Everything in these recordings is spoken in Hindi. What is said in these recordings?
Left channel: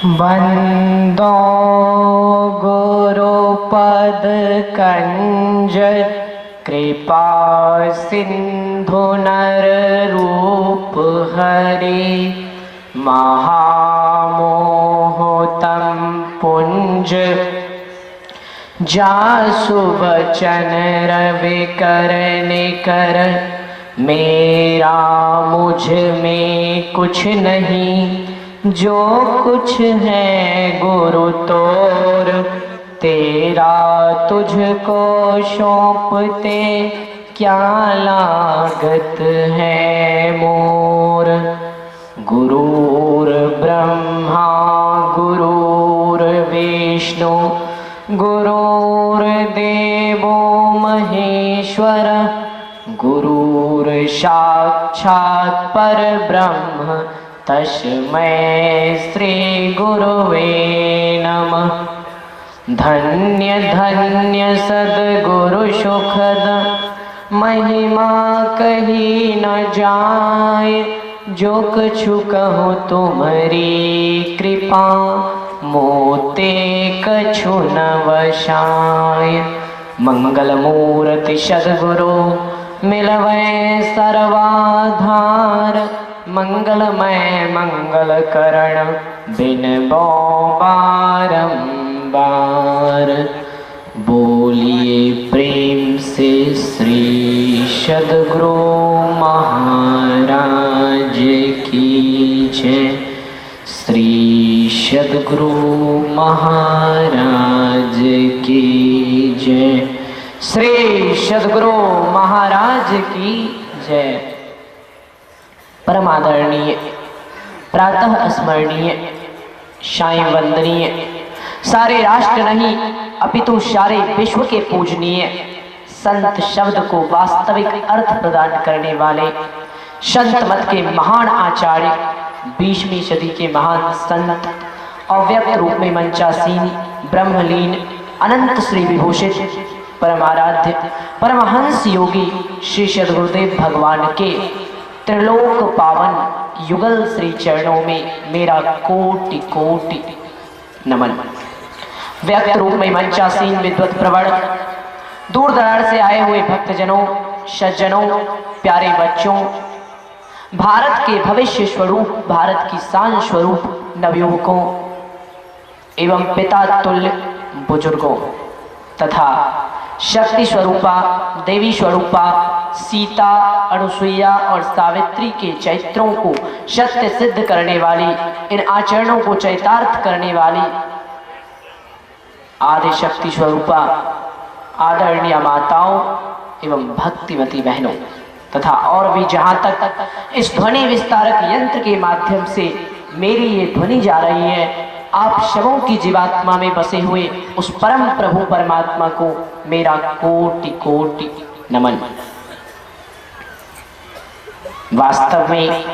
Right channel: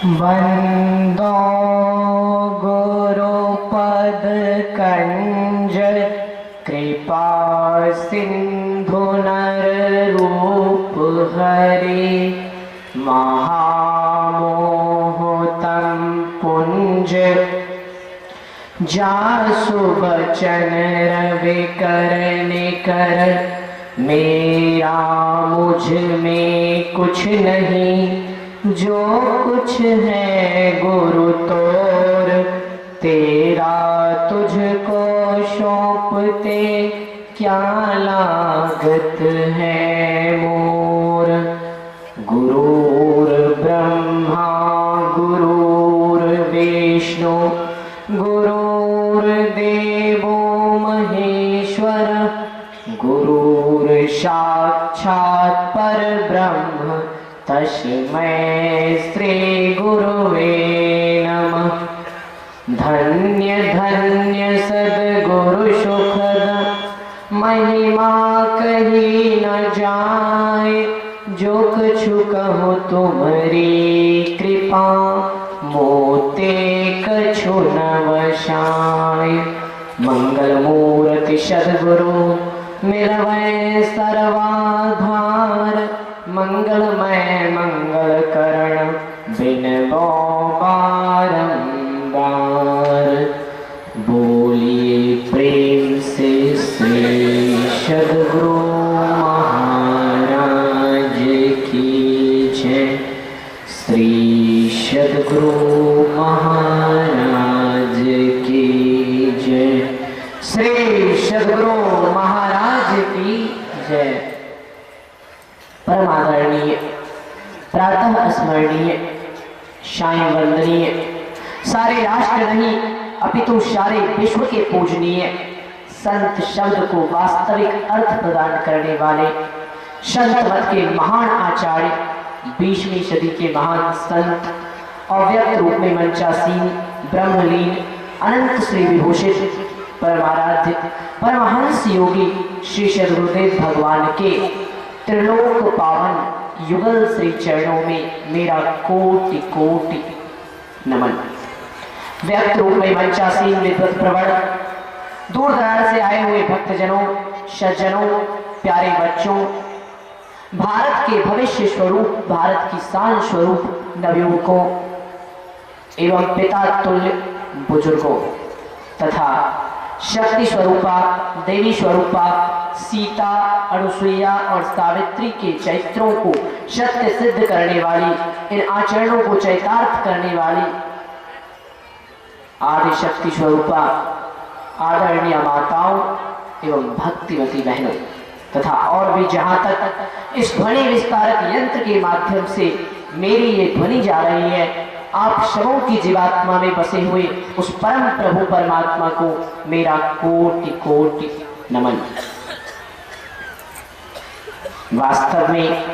वंदो गुरुपद कंज कृपा सिंधु नर रूप हरि महामोहतम पुंज जासु वचन रवि करने कर मेरा मुझ में कुछ नहीं जो कुछ है गुरु तोर तेरा तुझको सौंपते क्या लागत है मोर। गुरुर ब्रह्मा गुरुर्विष्णु गुरुर्देवो महेश्वर गुरुर साक्षात् परब्रह्म तस्मै श्री गुरुवे नमः। धन्य धन्य सद्गुरु सुखद महिमा कही न जाए जो कछु कहूँ तुम्हारी कृपा मोते कछु न वशाय। मंगल मूर्ति सद्गुरु मिलवै सर्वाधार मंगलमय मंगल करण बिनबो बारंबार। बोलिए प्रेम से श्री सद्गुरु महाराज की जय। श्री सद्गुरु महाराज की जय। श्री सद्गुरु महाराज की जय। परम आदरणीय प्रातः स्मरणीय सायं वंदनीय सारे राष्ट्र नहीं अपितु सारे विश्व के पूजनीय संत शब्द को वास्तविक अर्थ प्रदान करने वाले संत मत के महान आचार्य 20वीं सदी के महान संत अव्यक्त रूप में मंचासीन ब्रह्मलीन अनंत श्री विभूषित परमाराध्य परमहंस योगी श्री सद्गुरुदेव भगवान के त्रिलोक पावन युगल श्री चरणों में मेरा कोटि कोटि नमन। व्यक्त रूप में मंचासीन विद्वत प्रवण दूर दराज से आए हुए भक्तजनों सज्जनों प्यारे बच्चों भारत के भविष्य स्वरूप भारत की शान स्वरूप नवयुवकों एवं पिता तुल्य बुजुर्गों तथा शक्ति स्वरूपा देवी स्वरूपा सीता अनुसुईया और सावित्री के चरित्रों को सत्य सिद्ध करने वाली इन आचरणों को चरितार्थ करने वाली आदि शक्ति स्वरूपा आदरणीय माताओं एवं भक्तिमती बहनों तथा और भी जहां तक इस ध्वनि विस्तारक यंत्र के माध्यम से मेरी ये ध्वनि जा रही है आप सबों की जीवात्मा में बसे हुए उस परम प्रभु परमात्मा को मेरा कोटि कोटि नमन। वास्तव में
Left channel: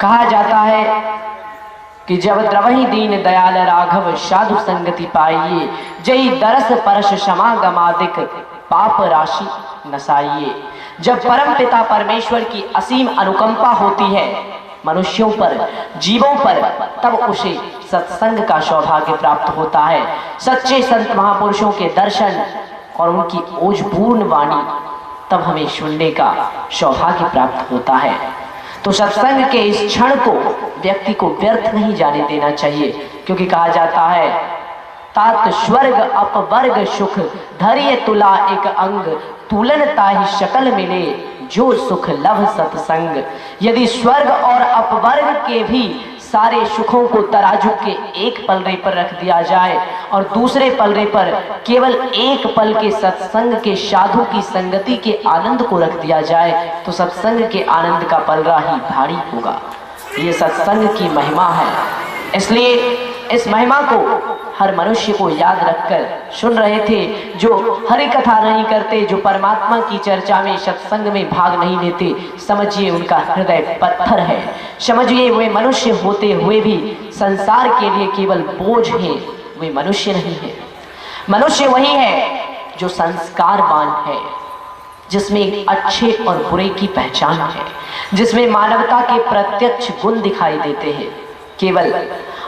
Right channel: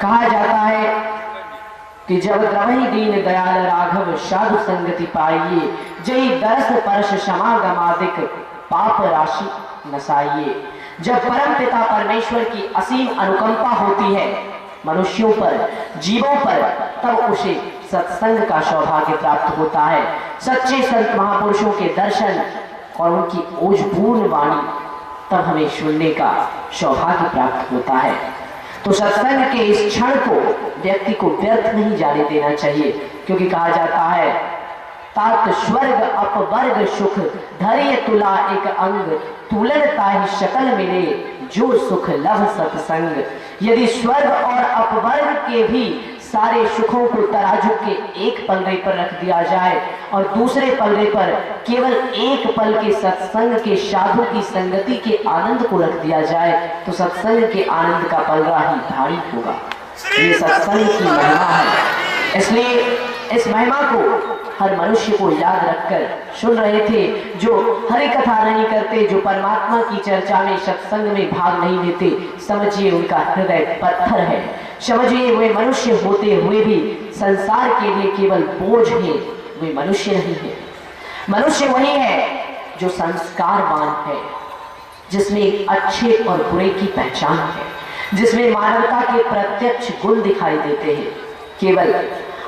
कहा जाता है कि जब द्रवहि दीन दयाल राघव साधु संगति पाइए जय दरस परश समागमादिक पाप राशि नसाइए। जब परम पिता परमेश्वर की असीम अनुकंपा होती है मनुष्यों पर जीवों पर तब उसे सत्संग का सौभाग्य प्राप्त होता है। सच्चे संत महापुरुषों के दर्शन और उनकी ओजपूर्ण वाणी तब हमें सुनने का सौभाग्य प्राप्त होता है। तो सत्संग के इस क्षण को व्यक्ति को व्यर्थ नहीं जाने देना चाहिए क्योंकि कहा जाता है तात स्वर्ग अपवर्ग सुख धैर्य तुला एक अंग तुलनता ही शकल मिले जो सुख लभ सत्संग। यदि स्वर्ग और अपवर्ग के भी सारे सुखों को तराजू के एक पलड़े पर रख दिया जाए और दूसरे पलड़े पर केवल एक पल के सत्संग के साधु की संगति के आनंद को रख दिया जाए तो सत्संग के आनंद का पलड़ा ही भारी होगा। ये सत्संग की महिमा है। इसलिए इस महिमा को हर मनुष्य को याद रखकर सुन रहे थे जो हरि कथा नहीं करते जो परमात्मा की चर्चा में सत्संग में भाग नहीं लेते समझिए उनका हृदय पत्थर है। समझिए वे मनुष्य होते हुए भी संसार के लिए केवल बोझ है वे मनुष्य नहीं है। मनुष्य वही है जो संस्कारवान है जिसमें अच्छे और बुरे की पहचान है। जिसमें मानवता के प्रत्यक्ष गुण दिखाई देते हैं। केवल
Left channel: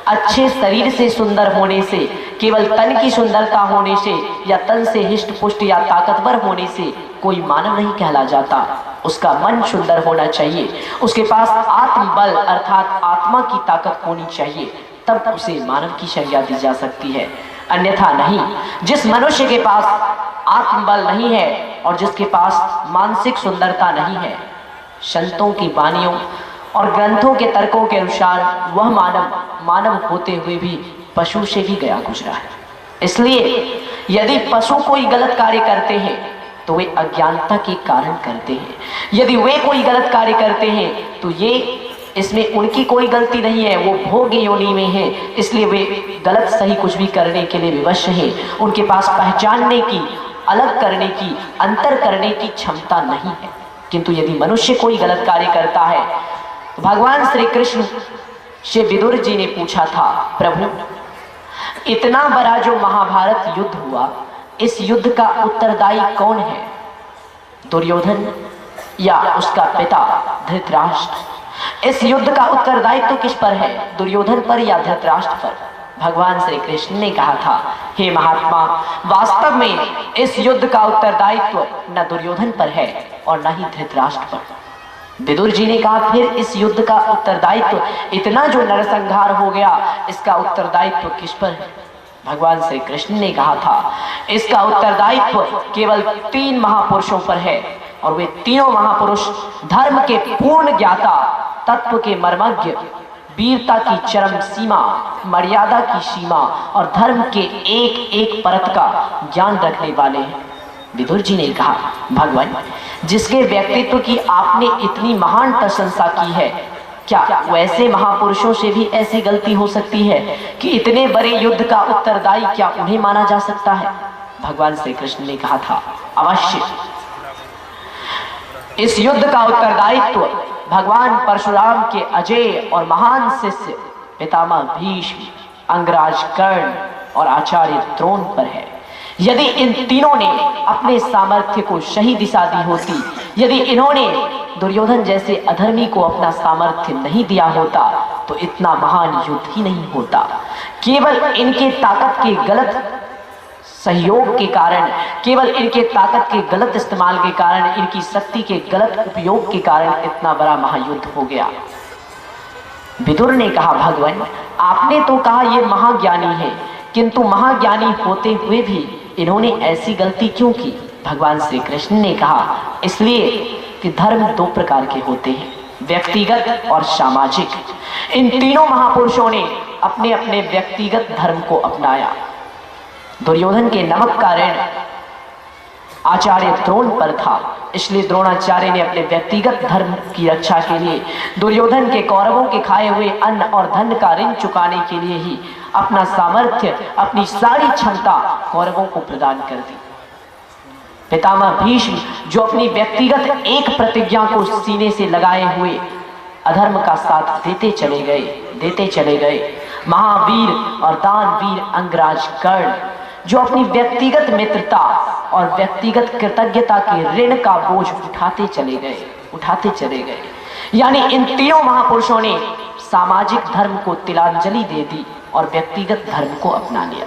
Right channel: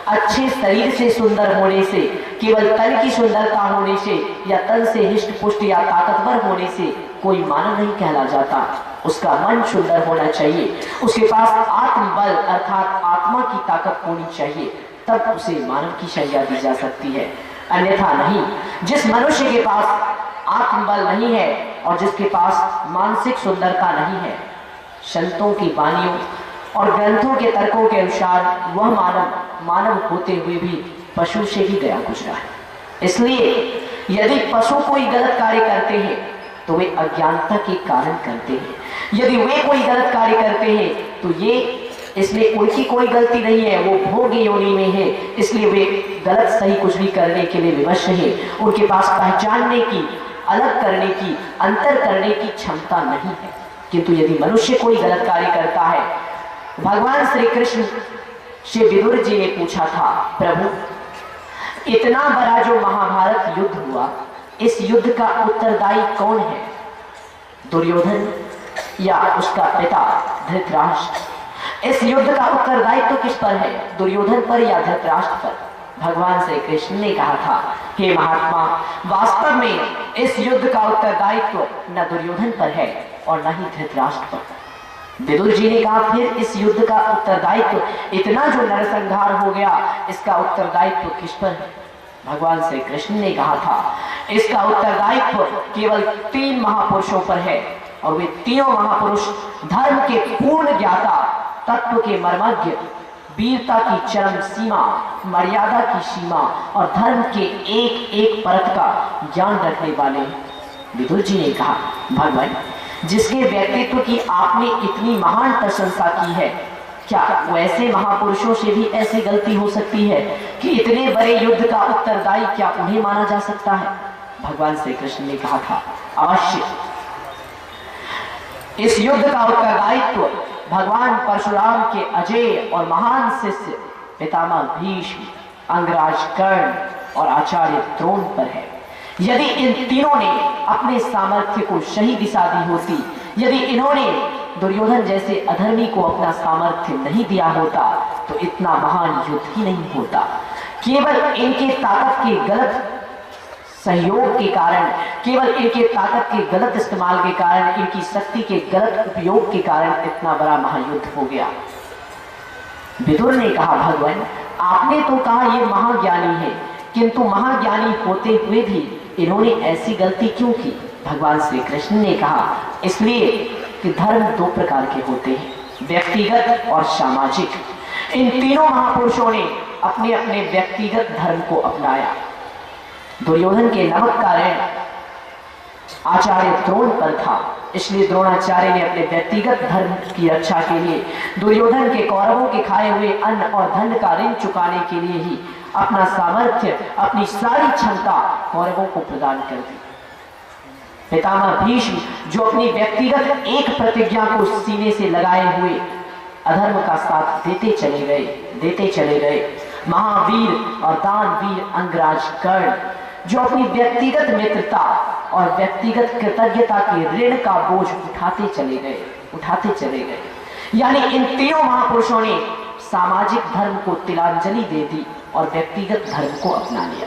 अच्छे शरीर से सुंदर होने से, केवल तन की सुंदरता होने से या तन से हिष्ट पुष्ट या ताकतवर होने से कोई मानव नहीं कहला जाता। उसका मन सुंदर होना चाहिए, उसके पास आत्मबल अर्थात आत्मा की ताकत होनी चाहिए, तब उसे मानव की संज्ञा दी जा सकती है, अन्यथा नहीं। जिस मनुष्य के पास आत्मबल नहीं है और जिसके पास मानसिक सुंदरता नहीं है, संतों की वाणियों और ग्रंथों के तर्कों के अनुसार वह मानव होते हुए भी पशु से भी गया गुजरा है। इसलिए यदि पशु कोई गलत कार्य करते हैं तो वे अज्ञानता के कारण करते हैं, यदि वे कोई गलत कार्य करते हैं तो ये इसमें उनकी कोई गलती नहीं है, वो भोग योनि में है, इसलिए वे गलत सही कुछ भी करने के लिए विवश हैं। उनके पास पहचानने की, अलग करने की, अंतर करने की क्षमता नहीं है। किंतु यदि मनुष्य कोई गलत कार्य करता है, भगवान श्री कृष्ण से विदुर जी ने पूछा था, प्रभु इतना बड़ा जो महाभारत युद्ध हुआ, इस युद्ध का उत्तरदायी कौन है, दुर्योधन या उसका पिता धृतराष्ट्र? इस युद्ध का उत्तरदायित्व तो किस पर है, दुर्योधन पर या धृतराष्ट्र पर? भगवान श्री कृष्ण ने कहा था, हे महात्मा, वास्तव में इस युद्ध का उत्तरदायित्व न दुर्योधन पर है और न ही धृतराष्ट्र पर। विदुर जी ने कहा, फिर इस युद्ध का उत्तरदायित्व, इतना जो नरसंहार हो गया, इसका उत्तरदायित्व किस पर है? भगवान श्री कृष्ण ने कहा था, इसका उत्तरदायित्व केवल 3 महापुरुषों पर है और वे तीनों महापुरुष धर्म के पूर्ण ज्ञाता, तत्व के मर्मज्ञ, वीरता की चरम सीमा, मर्यादा की सीमा और धर्म के एक एक परत का ज्ञान रखने वाले हैं। विदुर जी ने कहा, भगवान जिसके व्यक्तित्व की आपने इतनी महान प्रशंसा की है, क्या वैसे महापुरुषों से भी ऐसी गलती हो सकती है कि इतने बड़े युद्ध का उत्तरदायी क्या उन्हें माना जा सकता है? भगवान श्री कृष्ण ने कहा था, अवश्य इस युद्ध का उत्तरदायित्व भगवान परशुराम के अजय और महान शिष्य पितामह भीष्म, अंगराज कर्ण और आचार्य द्रोण पर है। यदि इन तीनों ने अपने सामर्थ्य को सही दिशा दी होती, यदि इन्होंने दुर्योधन जैसे अधर्मी को अपना सामर्थ्य नहीं दिया होता तो इतना महान युद्ध ही नहीं होता। केवल इनके ताकत के गलत सहयोग के कारण, केवल इनके ताकत के गलत इस्तेमाल के कारण, इनकी शक्ति के गलत उपयोग के कारण इतना बड़ा महायुद्ध हो गया। विदुर ने कहा, भगवान आपने तो कहा ये महाज्ञानी है, किंतु महाज्ञानी होते हुए भी इन्होंने ऐसी गलती क्यों की? भगवान श्री कृष्ण ने कहा, इसलिए कि धर्म 2 प्रकार के होते हैं, व्यक्तिगत और सामाजिक। इन तीनों महापुरुषों ने अपने अपने व्यक्तिगत धर्म को अपनाया। दुर्योधन के नमक का ऋण आचार्य द्रोण पर था, इसलिए द्रोणाचार्य ने अपने व्यक्तिगत धर्म की रक्षा के लिए दुर्योधन के कौरवों के खाए हुए अन्न और धन का ऋण चुकाने के लिए ही अपना सामर्थ्य, अपनी सारी क्षमता कौरवों को प्रदान कर दी। पितामह भीष्म जो अपनी व्यक्तिगत एक प्रतिज्ञा को सीने से लगाए हुए अधर्म का साथ देते चले गए। महावीर और दानवीर अंगराज कर्ण जो अपनी व्यक्तिगत मित्रता और व्यक्तिगत कृतज्ञता के ऋण का बोझ उठाते चले गए। यानी इन तीनों महापुरुषों ने सामाजिक धर्म को तिलांजलि दे दी और व्यक्तिगत धर्म को अपना लिया।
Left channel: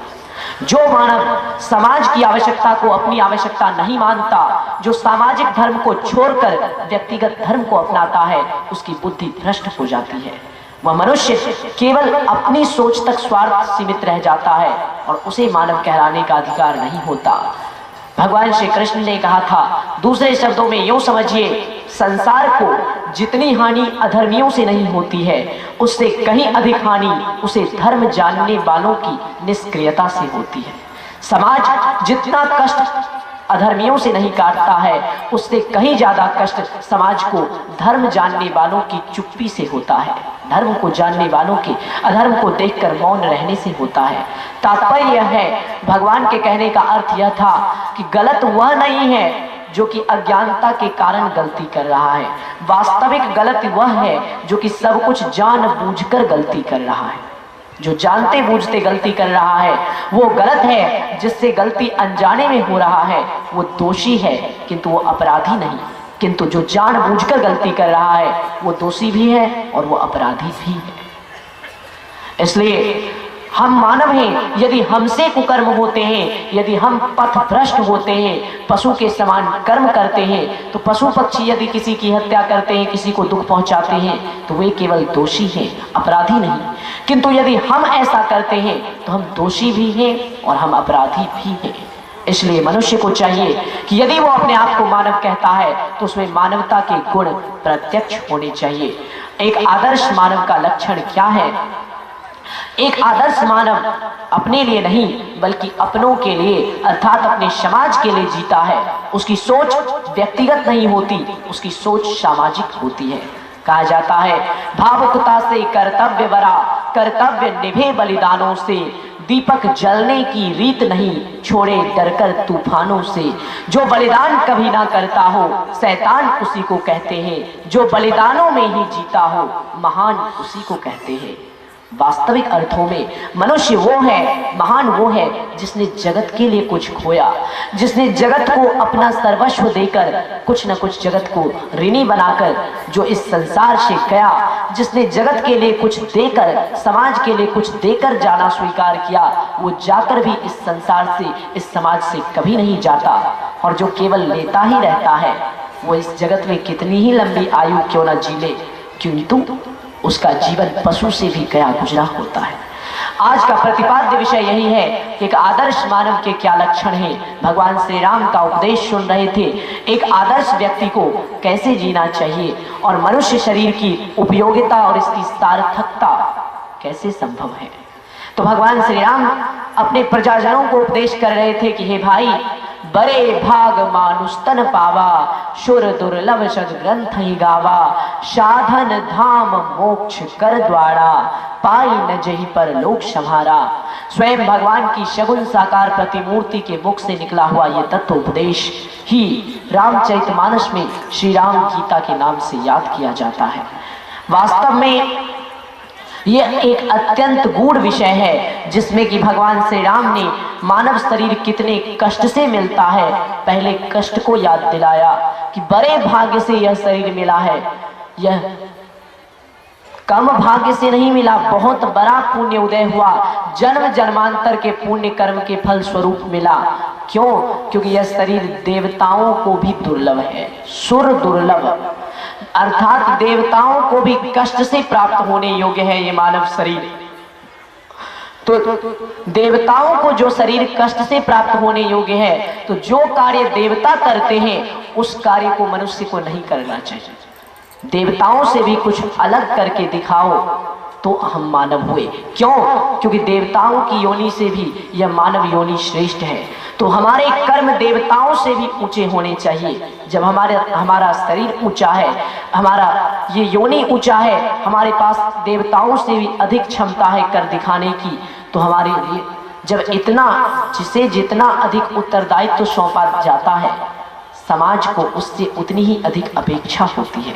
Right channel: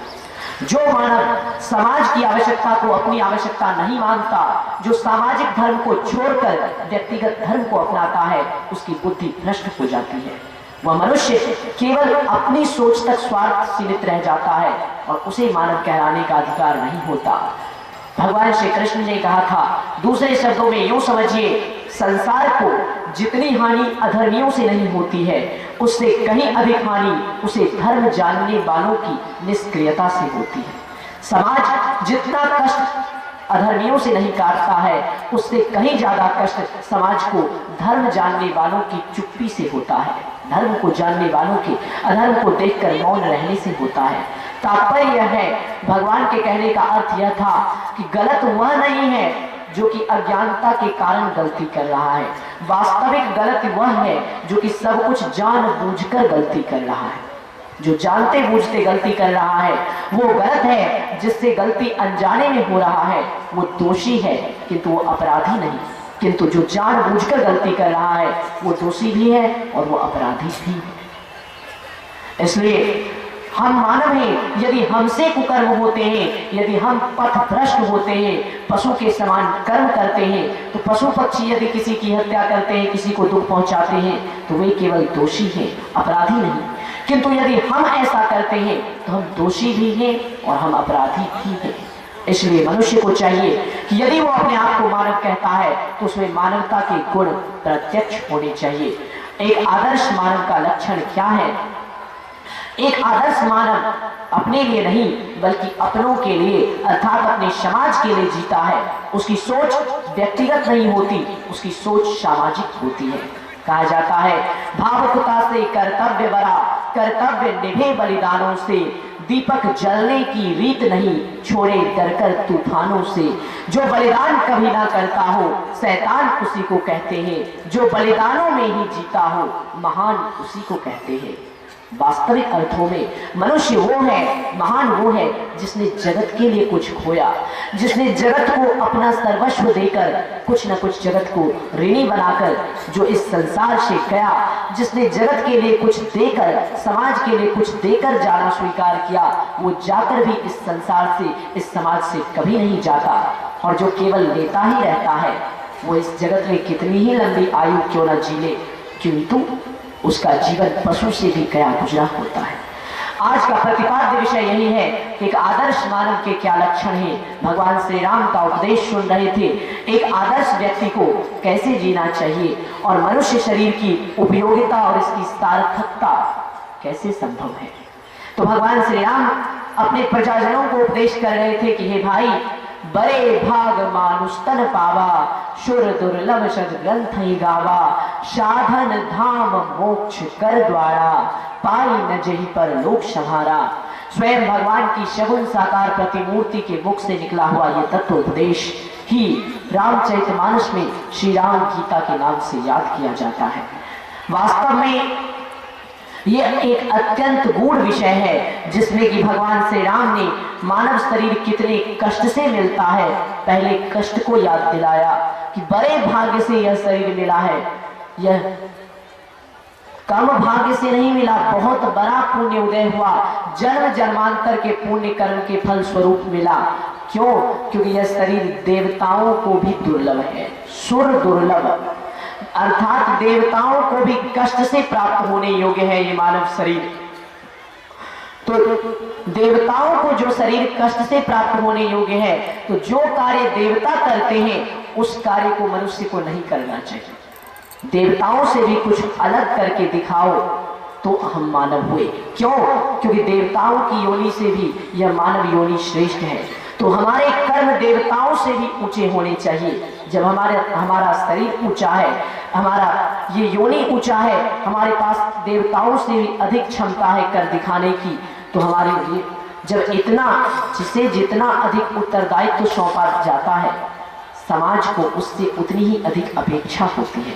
जो मानव समाज की आवश्यकता को अपनी आवश्यकता नहीं मानता, जो सामाजिक धर्म को छोड़कर व्यक्तिगत धर्म को अपनाता है, उसकी बुद्धि भ्रष्ट हो जाती है। वह मनुष्य केवल अपनी सोच तक स्वार्थ सीमित रह जाता है और उसे मानव कहलाने का अधिकार नहीं होता। भगवान श्री कृष्ण ने कहा था, दूसरे शब्दों में यूं समझिए, संसार को जितनी हानि अधर्मियों से नहीं होती है, उससे कहीं अधिक हानि उसे धर्म जानने वालों की निष्क्रियता से होती है। समाज जितना कष्ट अधर्मियों से नहीं काटता है, उससे कहीं ज्यादा कष्ट समाज को धर्म जानने वालों की चुप्पी से होता है। धर्म को जानने वालों के अधर्म को देखकर मौन रहने से होता है। तात्पर्य यह है, भगवान के कहने का अर्थ यह था कि गलत वह नहीं है जो कि अज्ञानता के कारण गलती कर रहा है, वास्तविक गलत वह है जो कि सब कुछ जानबूझकर गलती कर रहा है। जो जानते बूझते गलती कर रहा है वो गलत है, जिससे गलती अनजाने में हो रहा है वो दोषी है, किंतु वो अपराधी नहीं। किंतु जो जानबूझकर गलती कर रहा है वो दोषी भी है और वो अपराधी भी है। इसलिए हम मानव हैं, यदि हमसे कुकर्म होते हैं, यदि हम पथ भ्रष्ट होते हैं, पशु के समान कर्म करते हैं, तो पशु पक्षी यदि किसी की हत्या करते हैं, किसी को दुख पहुंचाते हैं, तो वे केवल दोषी हैं, अपराधी नहीं। किंतु यदि हम ऐसा करते हैं तो हम दोषी भी हैं और हम अपराधी भी हैं। इसलिए मनुष्य को चाहिए कि यदि वो अपने आप को मानव कहता है तो उसमें मानवता के गुण प्रत्यक्ष होने चाहिए। एक आदर्श मानव का लक्षण क्या है? एक आदर्श मानव अपने लिए नहीं बल्कि अपनों के लिए अर्थात अपने समाज के लिए जीता है। उसकी सोच व्यक्तिगत नहीं होती, उसकी सोच सामाजिक होती है। कहा जाता है भावुकता से कर्तव्य बरा, कर्तव्य निभे बलिदानों से, दीपक जलने की रीत नहीं छोड़े डरकर तूफानों से। जो बलिदान कभी ना करता हो शैतान उसी को कहते हैं, जो बलिदानों में ही जीता हो महान उसी को कहते हैं। वास्तविक अर्थों में मनुष्य वो है, महान वो है जिसने जगत के लिए कुछ खोया, जिसने जगत को अपना सर्वस्व देकर कुछ न कुछ जगत को ऋणी बनाकर जो इस संसार से गया, जिसने जगत के लिए कुछ देकर, समाज के लिए कुछ देकर जाना स्वीकार किया, वो जाकर भी इस संसार से, इस समाज से कभी नहीं जाता। और जो केवल लेता ही रहता है वो इस जगत में कितनी ही लंबी आयु क्यों न जी ले, किंतु उसका जीवन पशु से भी गया गुजरा होता है। आज का प्रतिपाद्य विषय यही है कि एक आदर्श मानव के क्या लक्षण हैं। भगवान श्री राम का उपदेश सुन रहे थे, एक आदर्श व्यक्ति को कैसे जीना चाहिए और मनुष्य शरीर की उपयोगिता और इसकी सार्थकता कैसे संभव है। तो भगवान श्री राम अपने प्रजाजनों को उपदेश कर रहे थे कि हे भाई, बड़े भाग मानुष तन पावा, शुर दुर्लभ सद ग्रंथ ही गावा, साधन धाम मोक्ष कर द्वारा, पाई न जही पर लोक संहारा। स्वयं भगवान की शगुन साकार प्रतिमूर्ति के मुख से निकला हुआ ये तत्व उपदेश ही रामचरितमानस में श्री राम गीता के नाम से याद किया जाता है। वास्तव में यह एक अत्यंत गूढ़ विषय है जिसमें कि भगवान श्री राम ने मानव शरीर कितने कष्ट से मिलता है, पहले कष्ट को याद दिलाया कि बड़े भाग्य से यह शरीर मिला है, यह कम भाग्य से नहीं मिला, बहुत बड़ा पुण्य उदय हुआ, जन्म जन्मांतर के पुण्य कर्म के फल स्वरूप मिला। क्यों? क्योंकि यह शरीर देवताओं को भी दुर्लभ है, सुर दुर्लभ अर्थात देवताओं को भी कष्ट से प्राप्त होने योग्य है ये मानव शरीर। तो देवताओं को जो शरीर कष्ट से प्राप्त होने योग्य है, तो जो कार्य देवता करते हैं उस कार्य को मनुष्य को नहीं करना चाहिए। देवताओं से भी कुछ अलग करके दिखाओ तो हम मानव हुए। क्यों? क्योंकि देवताओं की योनि से भी यह मानव योनि श्रेष्ठ है। तो हमारे कर्म देवताओं से भी ऊंचे होने चाहिए। जब हमारा शरीर ऊंचा है, हमारा ये योनि ऊंचा है, हमारे पास देवताओं से भी अधिक क्षमता है कर दिखाने की, तो हमारे लिए जब जिसे जितना अधिक उत्तरदायित्व सौंपा जाता है, समाज को उससे उतनी ही अधिक अपेक्षा होती है।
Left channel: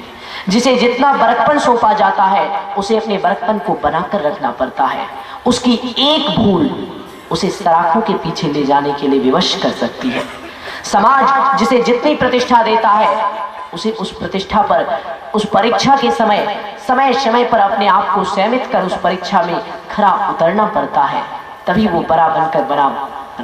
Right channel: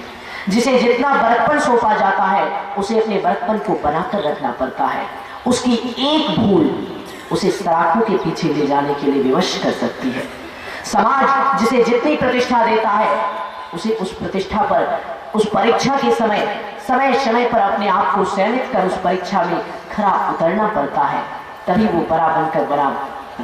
जिसे जितना बड़कपन सौंपा जाता है उसे अपने बड़कपन को बनाकर रखना पड़ता है। उसकी एक भूल उसे सराखों के पीछे ले जाने के लिए विवश कर सकती है। समाज जिसे जितनी प्रतिष्ठा देता है उसे उस प्रतिष्ठा पर, उस परीक्षा के समय पर अपने आप को संयमित कर उस परीक्षा में खरा उतरना पड़ता है, तभी वो बड़ा बनकर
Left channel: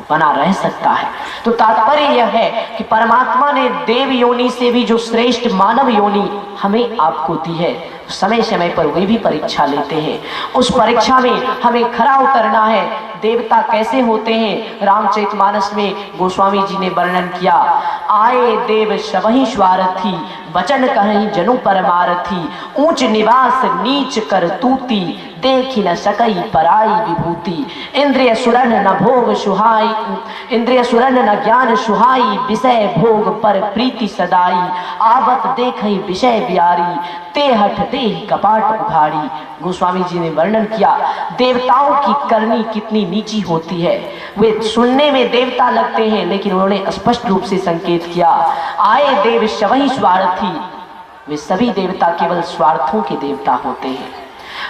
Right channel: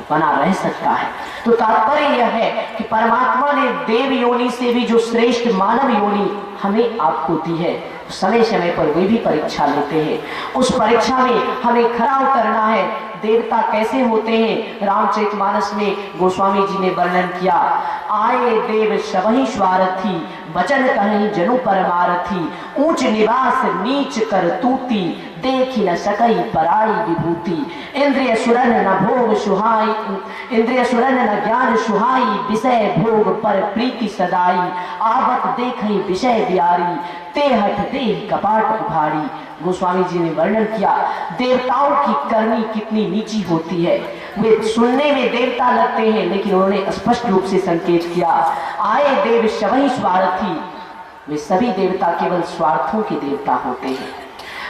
बना रह सकता है। तो तात्पर्य यह है कि परमात्मा ने देव योनि से भी जो श्रेष्ठ मानव योनि हमें आपको दी है, समय समय पर वे भी परीक्षा लेते हैं। उस परीक्षा में हमें खरा उतरना है। देवता कैसे होते हैं? रामचरितमानस में गोस्वामी जी ने वर्णन किया, आए देव सबहि स्वार्थी, वचन कहीं जनु परमारथी, ऊंच निवास नीच कर तूती, देखी न सकई पराई विभूति, इंद्रिय सुरन न भोग सुहाई, इंद्रिय सुरन न ज्ञान सुहाई, विषय भोग पर प्रीति सदाई, आवत देखई विषय बियारी, ते हठ दे कपाट उभारी। गोस्वामी जी ने वर्णन किया देवताओं की करनी कितनी नीची होती है। वे सुनने में देवता लगते हैं लेकिन उन्होंने स्पष्ट रूप से संकेत किया, आए देव सबहि स्वार्थी, वे सभी देवता केवल स्वार्थों के देवता होते हैं।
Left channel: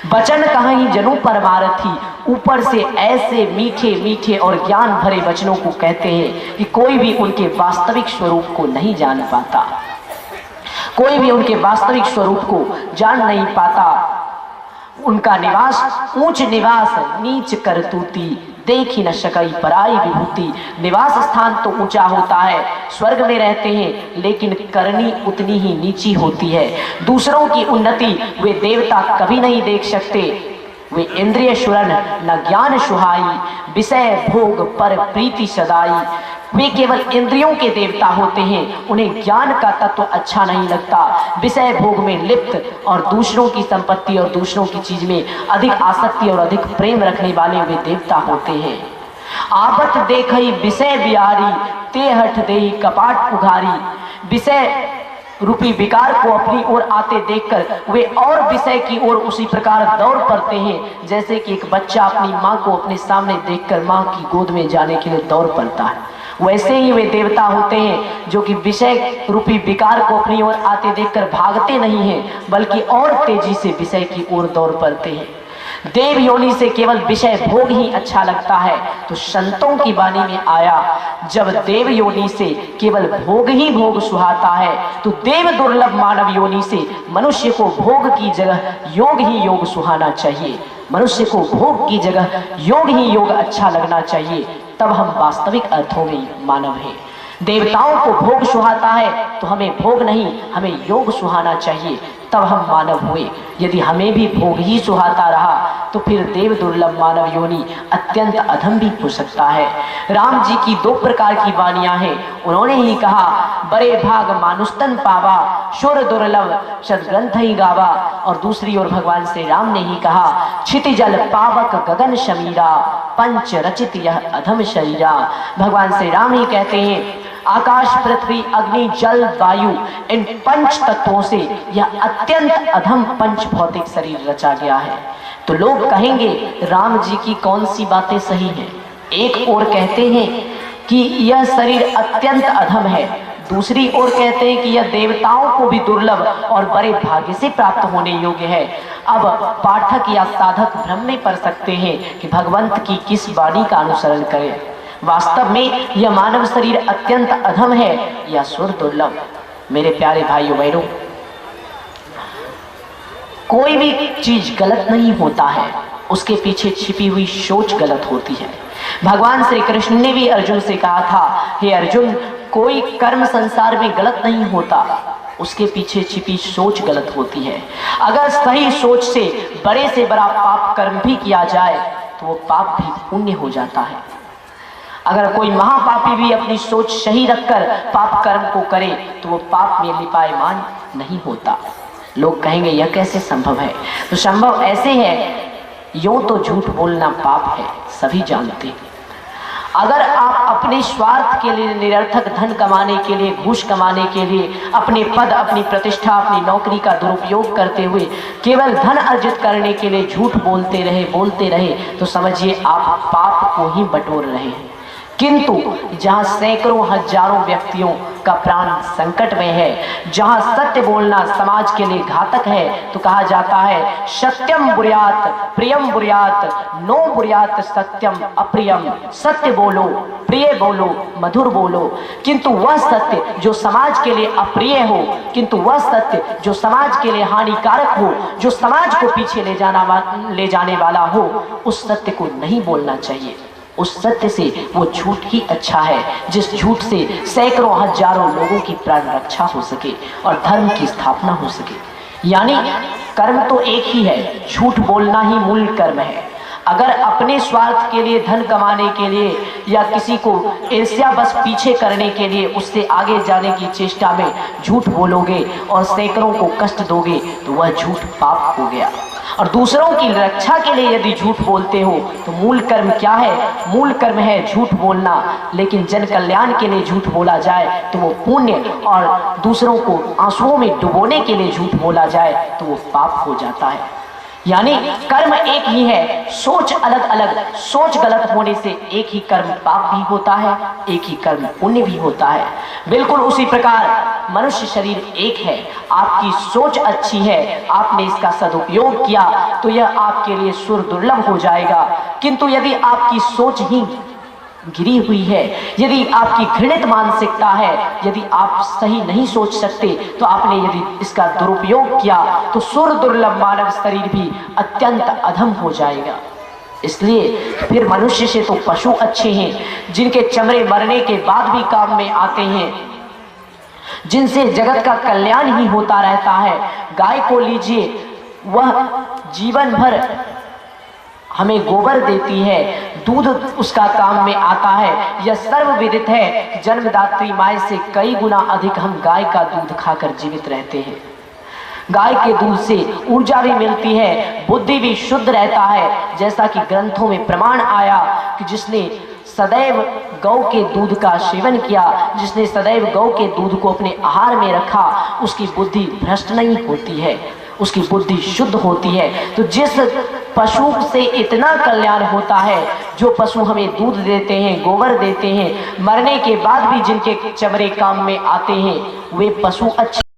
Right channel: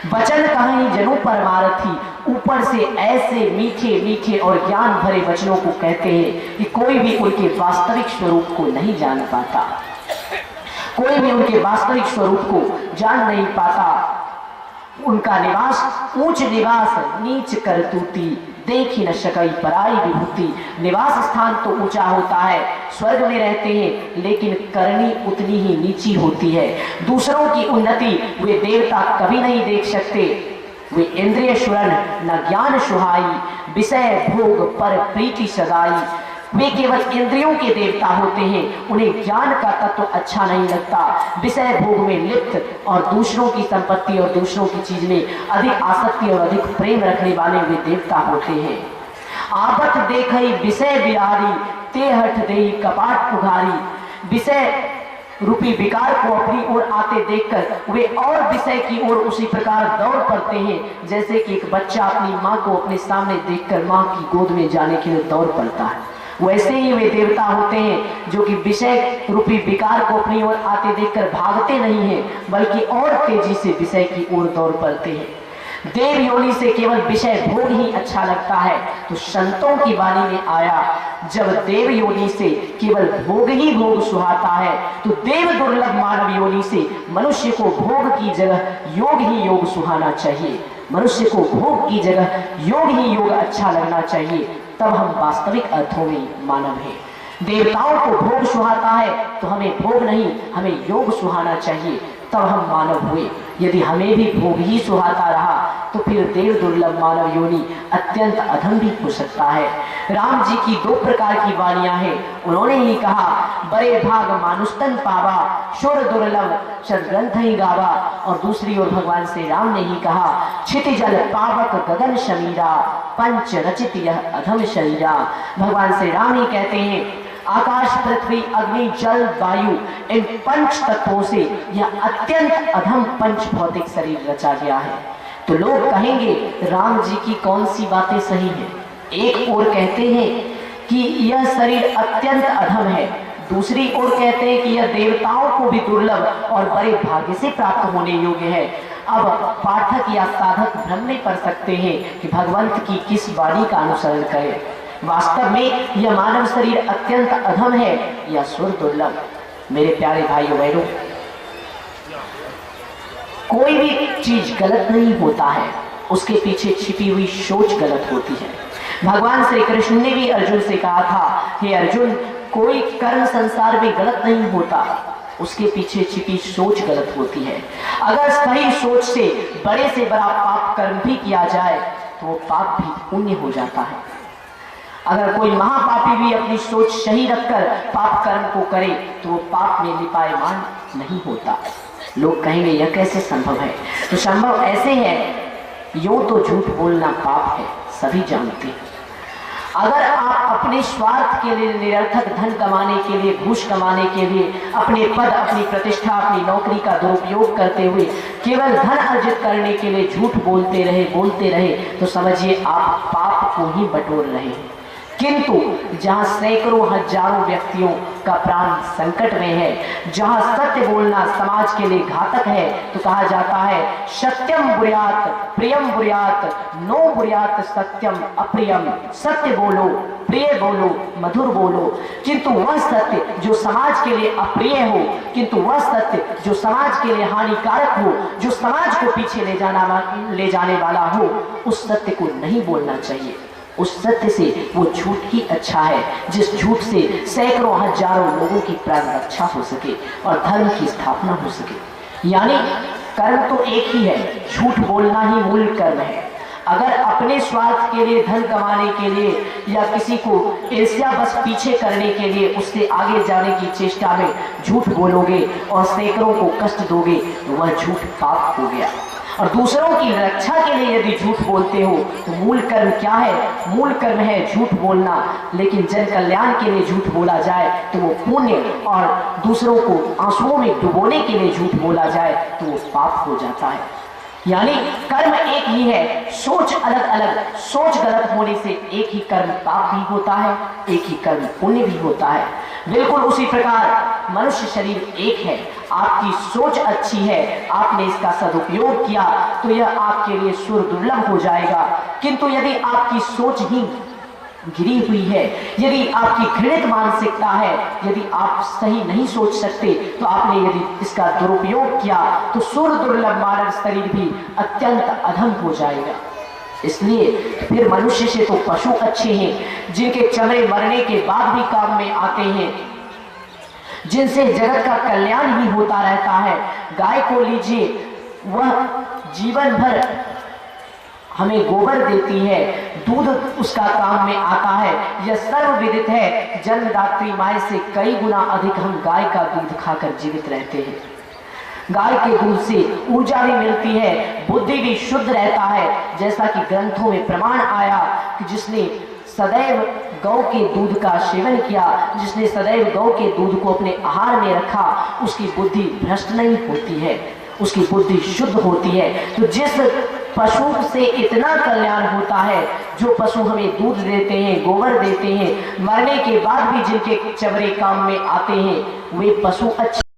वचन कहीं जनु परमारथी, ऊपर से ऐसे मीठे मीठे और ज्ञान भरे वचनों को कहते हैं कि कोई भी उनके वास्तविक स्वरूप को नहीं जान पाता। कोई भी उनके वास्तविक स्वरूप को जान नहीं पाता। उनका निवास ऊंच निवास, नीच करतूती, देख ही न सकई पराई विभूति। निवास स्थान तो ऊंचा होता है, स्वर्ग में रहते हैं, लेकिन करनी उतनी ही नीची होती है। दूसरों की उन्नति वे देवता कभी नहीं देख सकते। वे इंद्रिय शुरन न ज्ञान सुहाई, विषय भोग पर प्रीति सदाई। वे केवल इंद्रियों के देवता होते हैं, उन्हें ज्ञान का तत्व अच्छा नहीं लगता। विषय भोग में लिप्त और दूसरों की संपत्ति और दूसरों की चीज में अधिक आसक्ति और अधिक प्रेम रखने वाले वे देवता होते हैं। आबत देखई विषय बिहारी, ते हठ देई कपाट उघारी। विषय रूपी विकार को अपनी ओर आते देखकर वे और विषय की ओर उसी प्रकार दौड़ पड़ते हैं, जैसे कि एक बच्चा अपनी माँ को अपने सामने देखकर माँ की गोद में जाने के लिए दौड़ पड़ता है। वैसे ही वे देवता होते हैं जो कि विषय रूपी विकार को अपनी ओर आते देखकर भागते नहीं हैं, बल्कि और तेजी से विषय की ओर दौड़ पड़ते हैं। देव योनि से केवल विषय भोग ही अच्छा लगता है, तो संतों की वाणी में आया, जब देव योनि से केवल भोग ही भोग सुहाता है, तो देव दुर्लभ मानव योनि से मनुष्य को भोग की जगह योग ही योग सुहाना चाहिए। मनुष्य को भोग की जगह योग ही योग अच्छा लगना चाहिए, तब हम वास्तविक अर्थों में मानव हैं। देवताओं को भोग सुहाता है तो हमें भोग नहीं, हमें योग सुहाना चाहिए, तब हम मानव हुए। यदि हमें भी भोग ही सुहाता रहा तो फिर देव दुर्लभ मानव योनि अत्यंत अधम भी हो सकता है। राम जी की दो प्रकार की वाणियां हैं। उन्होंने ही कहा, बड़े भाग मानुस्तन पावा, शुर दुर्लभ सदग्रंथ ही गावा। और दूसरी ओर भगवान श्री राम ने ही कहा, क्षितिजल पावक गगन शमीरा, पंच रचित यह अधम शरीरा। भगवान श्री राम ही कहते हैं, आकाश पृथ्वी अग्नि जल वायु, इन पंच तत्वों से यह अत्यंत अधम पंच भौतिक शरीर रचा गया है। तो लोग कहेंगे राम जी की कौन सी बातें सही हैं? एक ओर कहते हैं कि यह शरीर अत्यंत अधम है, दूसरी ओर कहते हैं कि यह देवताओं को भी दुर्लभ और बड़े भाग्य से प्राप्त होने योग्य है। अब पाठक या साधक भ्रम में पड़ सकते हैं कि भगवंत की किस वाणी का अनुसरण करें। वास्तव में यह मानव शरीर अत्यंत अधम है या सुर दुर्लभ। मेरे प्यारे भाइयों बहनों, कोई भी चीज गलत नहीं होता है, उसके पीछे छिपी हुई सोच गलत होती है। भगवान श्री कृष्ण ने भी अर्जुन से कहा था, हे अर्जुन, कोई कर्म संसार में गलत नहीं होता, उसके पीछे छिपी सोच गलत होती है। अगर सही सोच से बड़ा पाप कर्म भी किया जाए तो वो पाप भी पुण्य हो जाता है। अगर कोई महापापी भी अपनी सोच सही रखकर पाप कर्म को करे तो वो पाप में लिपायमान नहीं होता। लोग कहेंगे यह कैसे संभव है? तो संभव ऐसे है, यूं तो झूठ बोलना पाप है, सभी जानते हैं। अगर आप अपने स्वार्थ के लिए, निरर्थक धन कमाने के लिए, घूस कमाने के लिए, अपने पद, अपनी प्रतिष्ठा, अपनी नौकरी का दुरुपयोग करते हुए केवल धन अर्जित करने के लिए झूठ बोलते रहे तो समझिए आप पाप को ही बटोर रहे हैं। किंतु जहां सैकड़ों हजारों व्यक्तियों का प्राण संकट में है, जहां सत्य बोलना समाज के लिए घातक है, तो कहा जाता है, सत्यम बुर्यात प्रियम बुर्यात, नो बुर्यात सत्यम अप्रियम। सत्य बोलो, प्रिय बोलो, मधुर बोलो, किंतु वह सत्य जो समाज के लिए अप्रिय हो, किंतु वह सत्य जो समाज के लिए हानिकारक हो, जो समाज को पीछे ले जाने वाला हो, उस सत्य को नहीं बोलना चाहिए। उस सत्य से वो झूठ ही अच्छा है, जिस झूठ से सैकड़ों हजारों लोगों की प्राण रक्षा हो सके और धर्म की स्थापना हो सके। यानी कर्म तो एक ही है, झूठ बोलना ही मूल कर्म है। अगर अपने स्वार्थ के लिए, धन कमाने के लिए या किसी को ईर्ष्या बस पीछे करने के लिए, उससे आगे जाने की चेष्टा में झूठ बोलोगे और सैकड़ों को कष्ट दोगे तो वह झूठ पाप हो गया। और दूसरों की रक्षा के लिए यदि झूठ बोलते हो तो मूल कर्म क्या है? मूल कर्म है झूठ बोलना, लेकिन जन कल्याण के लिए झूठ बोला जाए तो वो पुण्य, और दूसरों को आंसुओं में डुबोने के लिए झूठ बोला जाए तो वो पाप हो जाता है। यानी कर्म एक ही है, सोच अलग अलग। सोच गलत होने से एक ही कर्म पाप भी होता है, एक ही कर्म पुण्य भी होता है। बिल्कुल उसी प्रकार मनुष्य शरीर एक है। आपकी सोच अच्छी है, आपने इसका सदुपयोग किया तो यह आपके लिए सुर दुर्लभ हो जाएगा। किंतु यदि आपकी सोच ही गिरी हुई है, यदि आपकी घृणित मानसिकता है, यदि आप सही नहीं सोच सकते, तो आपने यदि इसका दुरुपयोग किया तो सुर दुर्लभ मानव शरीर भी अत्यंत अधम हो जाएगा। इसलिए फिर मनुष्य से तो पशु अच्छे हैं, जिनके चमड़े मरने के बाद भी काम में आते हैं, जिनसे जगत का कल्याण ही होता रहता है। गाय को लीजिए, वह जीवन भर हमें गोबर देती है, दूध उसका काम में आता है। यह सर्वविदित है, जन्मदात्री माय से कई गुना अधिक हम गाय का दूध खाकर जीवित रहते हैं। गाय के दूध से ऊर्जा भी मिलती है, बुद्धि भी शुद्ध रहता है। जैसा कि ग्रंथों में प्रमाण आया कि जिसने सदैव गौ के दूध का सेवन किया, जिसने सदैव गौ के दूध को अपने आहार में रखा, उसकी बुद्धि भ्रष्ट नहीं होती है, उसकी बुद्धि शुद्ध होती है। तो जिस पशु से इतना कल्याण होता है, जो पशु हमें दूध देते हैं, गोबर देते हैं, मरने के बाद भी जिनके चमड़े काम में आते हैं, वे पशु अच्छे